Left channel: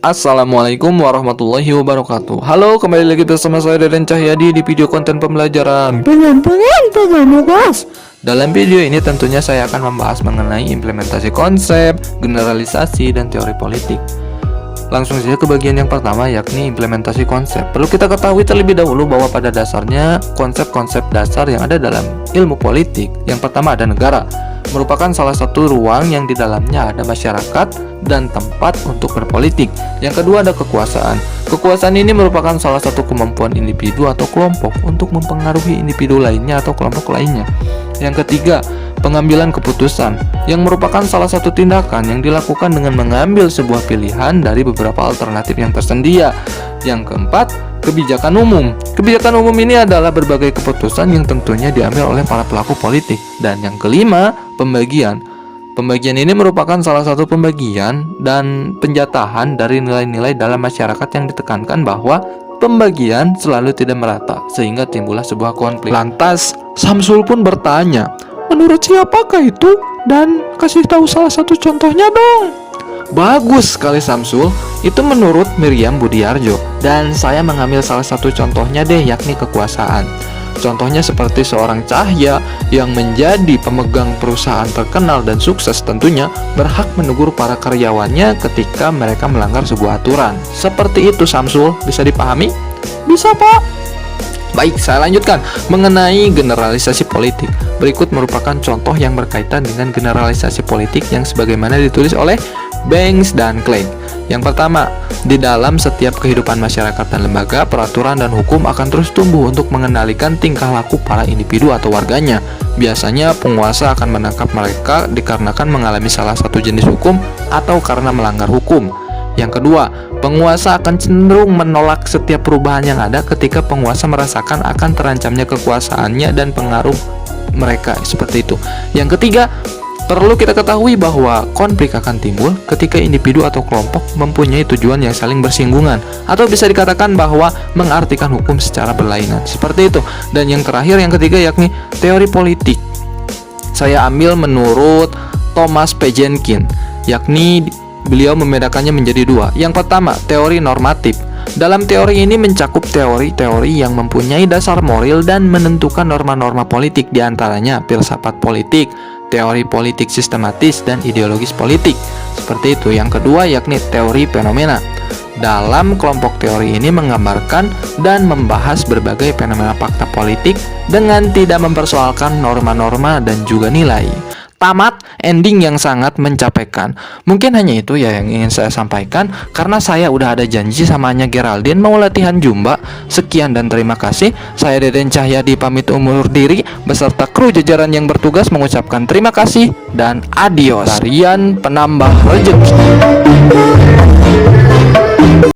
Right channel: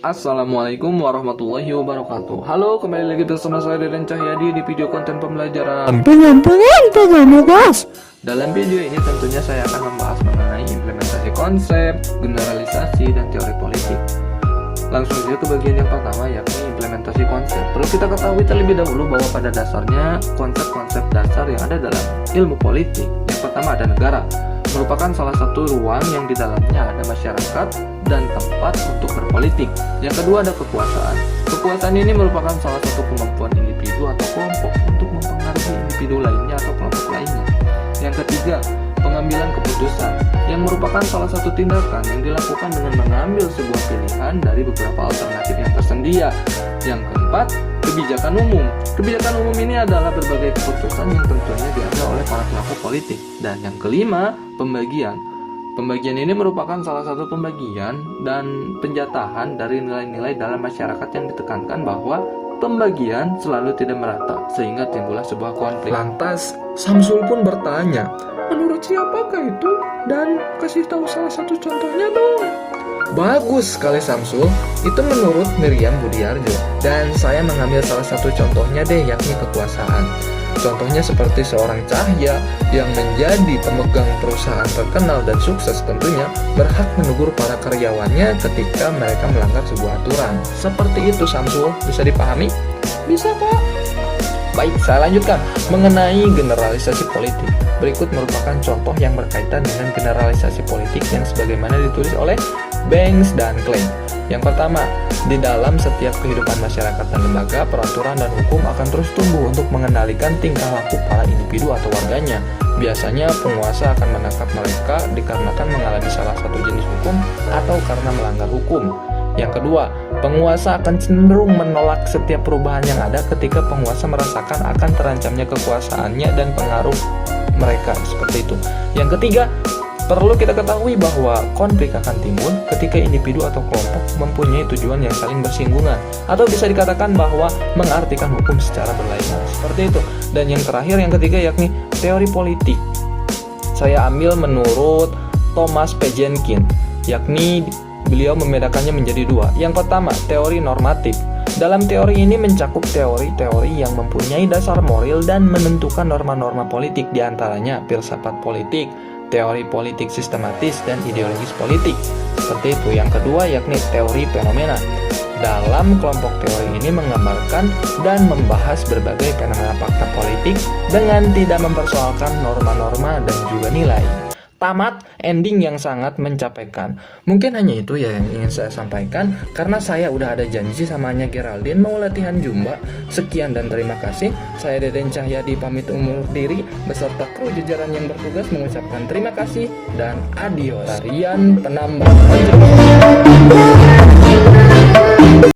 Assalamualaikum warahmatullahi wabarakatuh. Halo, kembali lagi bersama saya Deden Cahyadi di video konten pembelajaran guys. Dalam video ini tentunya saya akan membahas mengenai implementasi konsep, generalisasi, dan teori politik. Langsung saja ke bagian yang pertama, yakni implementasi konsep. Perlu kita ketahui terlebih dahulu bahwa pada dasarnya konsep-konsep dasar yang ada dalam ilmu politik, yang pertama ada negara, merupakan salah satu ruang yang di dalamnya ada masyarakat dan tempat untuk berpolitik. Yang kedua ada kekuasaan. Kekuasaan ini merupakan salah satu kemampuan individu atau kelompok untuk mempengaruhi individu lainnya atau kelompok lainnya. Yang ketiga, pengambilan keputusan, yang merupakan salah satu tindakan yang dilakukan dengan mengambil sebuah pilihan dari beberapa alternatif yang tersedia. Yang keempat, kebijakan umum. Kebijakan umum ini adalah berbagai keputusan yang tentunya diambil oleh para pelaku politik. Dan yang kelima, pembagian. Pembagian ini merupakan salah satu pembagian dan penjatahan dari nilai-nilai dalam masyarakat yang ditekankan bahwa pembagian selalu tidak merata, sehingga timbullah sebuah konflik. Lantas, Samsul pun bertanya, menurut siapakah itu? Dan kasih tahu salah satu contohnya dong. Bagus sekali Samsul, itu menurut Miriam Budiarjo. Dan saya mengambil salah satu contohnya deh, yakni kekuasaan. Contohnya seperti seorang Cahya yang menjadi pemegang perusahaan terkenal dan sukses tentunya berhak menegur para karyawannya ketika mereka melanggar sebuah aturan. Seperti itu Samsul, bisa dipahami? Bisa Pak. Baik, saya lanjutkan mengenai generalisasi politik. Berikut merupakan contoh yang berkaitan dengan generalisasi politik yang sebagaimana ditulis oleh Banks dan Klein. Yang pertama, di dalam setiap kehidupan masyarakat dan lembaga, peraturan dan hukum akan terus tumbuh untuk mengendalikan tingkah laku para individu atau warganya. Biasanya penguasa akan menangkap mereka dikarenakan mengalami salah satu jenis hukum atau karena melanggar hukum. Yang kedua, penguasa akan cenderung menolak setiap perubahan yang ada ketika penguasa merasakan akan terancamnya kekuasaannya dan pengaruh mereka, seperti itu. Yang ketiga, perlu kita ketahui bahwa konflik akan timbul ketika individu atau kelompok mempunyai tujuan yang saling bersinggungan, atau bisa dikatakan bahwa mengartikan hukum secara berlainan, seperti itu. Dan yang terakhir, yang ketiga, yakni teori politik. Saya ambil menurut Thomas P. Jenkins, yakni beliau membedakannya menjadi dua. Yang pertama, teori normatif. Dalam teori ini mencakup teori-teori yang mempunyai dasar moral dan menentukan norma-norma politik, diantaranya filsafat politik, teori politik sistematis, dan ideologis politik. Seperti itu. Yang kedua yakni teori fenomena. Dalam kelompok teori ini menggambarkan dan membahas berbagai fenomena fakta politik dengan tidak mempersoalkan norma-norma dan juga nilai. Tamat, ending yang sangat mencapaikan. Mungkin hanya itu ya yang ingin saya sampaikan, karena saya udah ada janji sama Nya Geraldine mau latihan Zumba. Sekian dan terima kasih. Saya Deden Cahyadi pamit undur diri beserta kru jajaran yang bertugas mengucapkan terima kasih dan adios. Tarian penambah rezeki.